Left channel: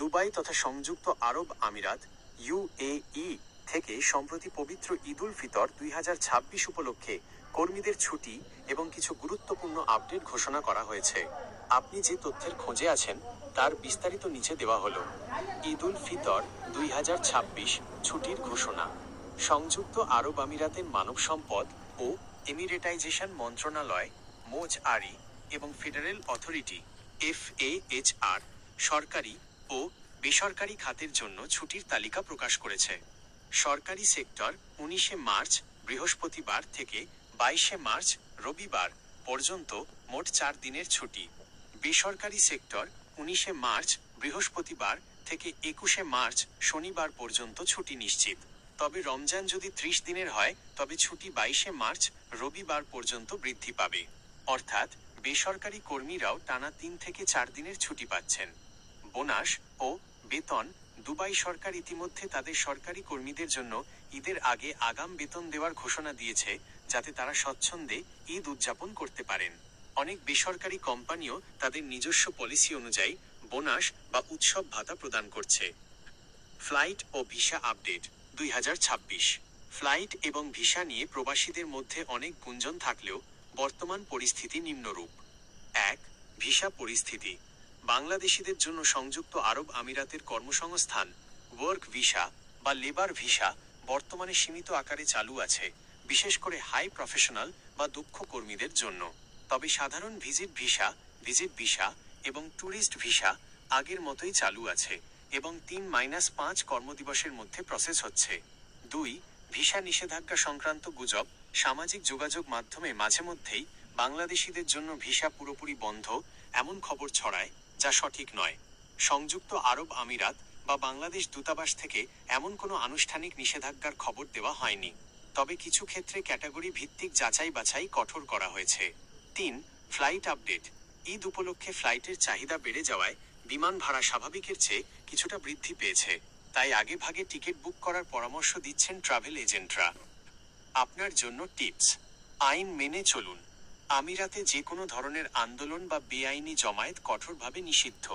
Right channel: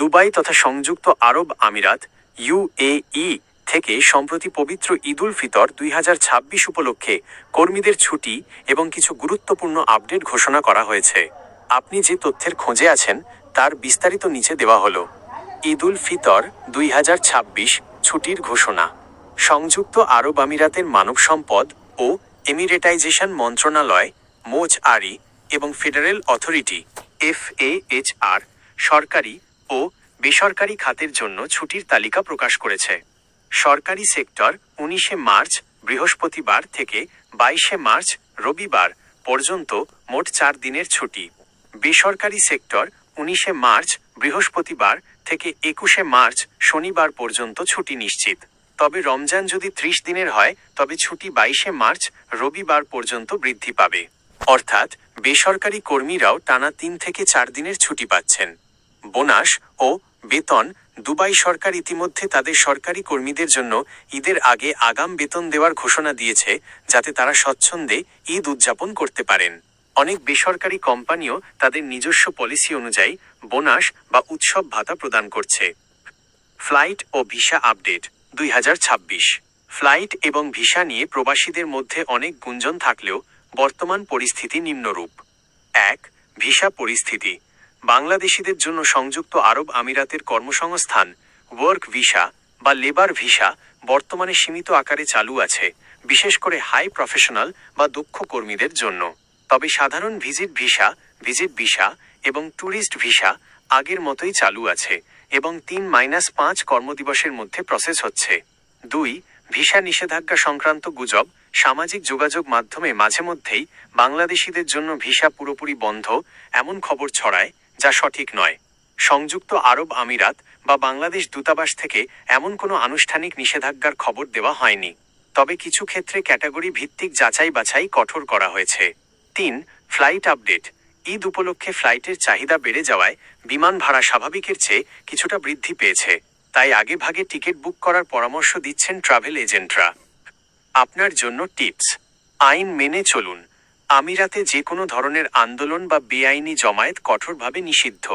Dubai তথা সংযুক্ত আরব আমিরাত ইউএই থেকে সম্প্রতি পবিত্র ঈদুল ফিতর 2026 উপলক্ষে কর্মীদের ছুটি এবং কিছু গুরুত্বপূর্ণ আপডেট ঘোষণা করা হয়েছে। আপনি যে তথ্যের খোঁজে আছেন তার বিস্তারিত নিচে দেওয়া হলো। ঈদুল ফিতর 2026 ছুটির ঘোষণা। সংযুক্ত আরব আমিরাতের মানব সম্পদ ও এমিরেটাইজেশন মন্ত্রণালয় মোজআরি এবং ফেডারেল অথরিটি FAHR সরকারি ও বেসরকারি খাতের জন্য ছুটির তালিকা প্রকাশ করেছে। সরকারি সেক্টর 19 মার্চ বৃহস্পতিবার থেকে 22 মার্চ রবিবার পর্যন্ত মোট 4 দিনের ছুটি। বেসরকারি সেক্টর 19 মার্চ বৃহস্পতিবার থেকে 21 মার্চ শনিবার পর্যন্ত ছুটি নিশ্চিত। তবে রমজান যদি 30 দিনের হয় তবে ছুটি 22 মার্চ রবিবার পর্যন্ত বৃদ্ধি পাবে। অর্থাৎ বেসরকারি কর্মীরাও টানা 3 থেকে 4 দিনের ছুটি পাচ্ছেন। বোনাস ও বেতন। দুবাই সরকার ইতিমধ্যে তাদের সরকারি কর্মীদের জন্য ঈদের আগে আগাম বেতন দেওয়ার ঘোষণা দিয়েছে, যাতে তারা স্বচ্ছন্দে ঈদ উদযাপন করতে পারেন। অনেক বেসরকারি কোম্পানিও তাদের নিজস্ব পলিসি অনুযায়ী বোনাস বা উৎসব ভাতা প্রদান করছে। ফ্লাইট ও ভিসা আপডেট 2026। ফ্লাইট এবং ভিসা নিয়ে প্রবাসীদের মধ্যে অনেক গুঞ্জন থাকলেও বর্তমান পরিস্থিতি নিম্নরূপ। 1. ভিসা পরিস্থিতি। বাংলাদেশিদের জন্য সংযুক্ত আরব আমিরাতের কর্মসংস্থান ওয়ার্ক ভিসা বা লেবার ভিসা বর্তমানে সীমিত আকারে চালু আছে, বিশেষ করে হাই প্রফেশনাল বা দক্ষ কর্মীদের জন্য। তবে সাধারণ ভিজিট ভিসা এবং ট্যুরিস্ট ভিসা আগের মতোই চালু আছে এবং 3-5 কর্মদিবসের মধ্যে প্রসেস হচ্ছে। 2. ভিসা নিষেধাজ্ঞা সংক্রান্ত গুজব। সামাজিক যোগাযোগ মাধ্যমে মাঝে মধ্যেই বাংলাদেশিদের জন্য ভিসা পুরোপুরি বন্ধ এমন খবর ছড়ায়, যা সঠিক নয়। সংযুক্ত আরব আমিরাত বা বাংলাদেশ দূতাবাস থেকে এমন কোনো আনুষ্ঠানিক নিষেধাজ্ঞার খবর দেওয়া হয়নি। তবে কিছু ক্ষেত্রে ক্যাটাগরি ভিত্তিক যাচাই বাছাই কঠোর করা হয়েছে। 3. Flight update. ঈদ উপলক্ষে ফ্লাইটের চাহিদা বেড়ে যাওয়ায় বিমান ভাড়া স্বাভাবিকের চেয়ে কিছুটা বৃদ্ধি পেয়েছে, তাই আগেভাগে টিকিট বুক করার পরামর্শ দিচ্ছেন ট্রাভেল এজেন্টরা। আপনার জন্য টিপস। আইন মেনে চলুন। আমিরাতে যে কোনো ধরনের আন্দোলন বা বেআইনি জমায়েত কঠোরভাবে নিষিদ্ধ।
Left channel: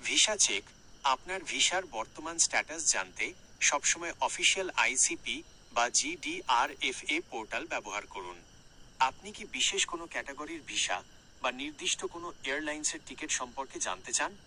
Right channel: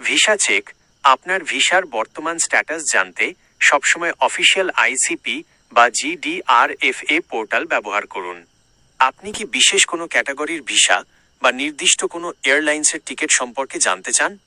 Visa check. আপনার ভিসার বর্তমান স্ট্যাটাস জানতে সবসময় অফিসিয়াল ICP বা GDRFA পোর্টাল ব্যবহার করুন। আপনি কি বিশেষ কোনো ক্যাটাগরির ভিসা বা নির্দিষ্ট কোনো এয়ারলাইন্সের টিকিট সম্পর্কে জানতে চান?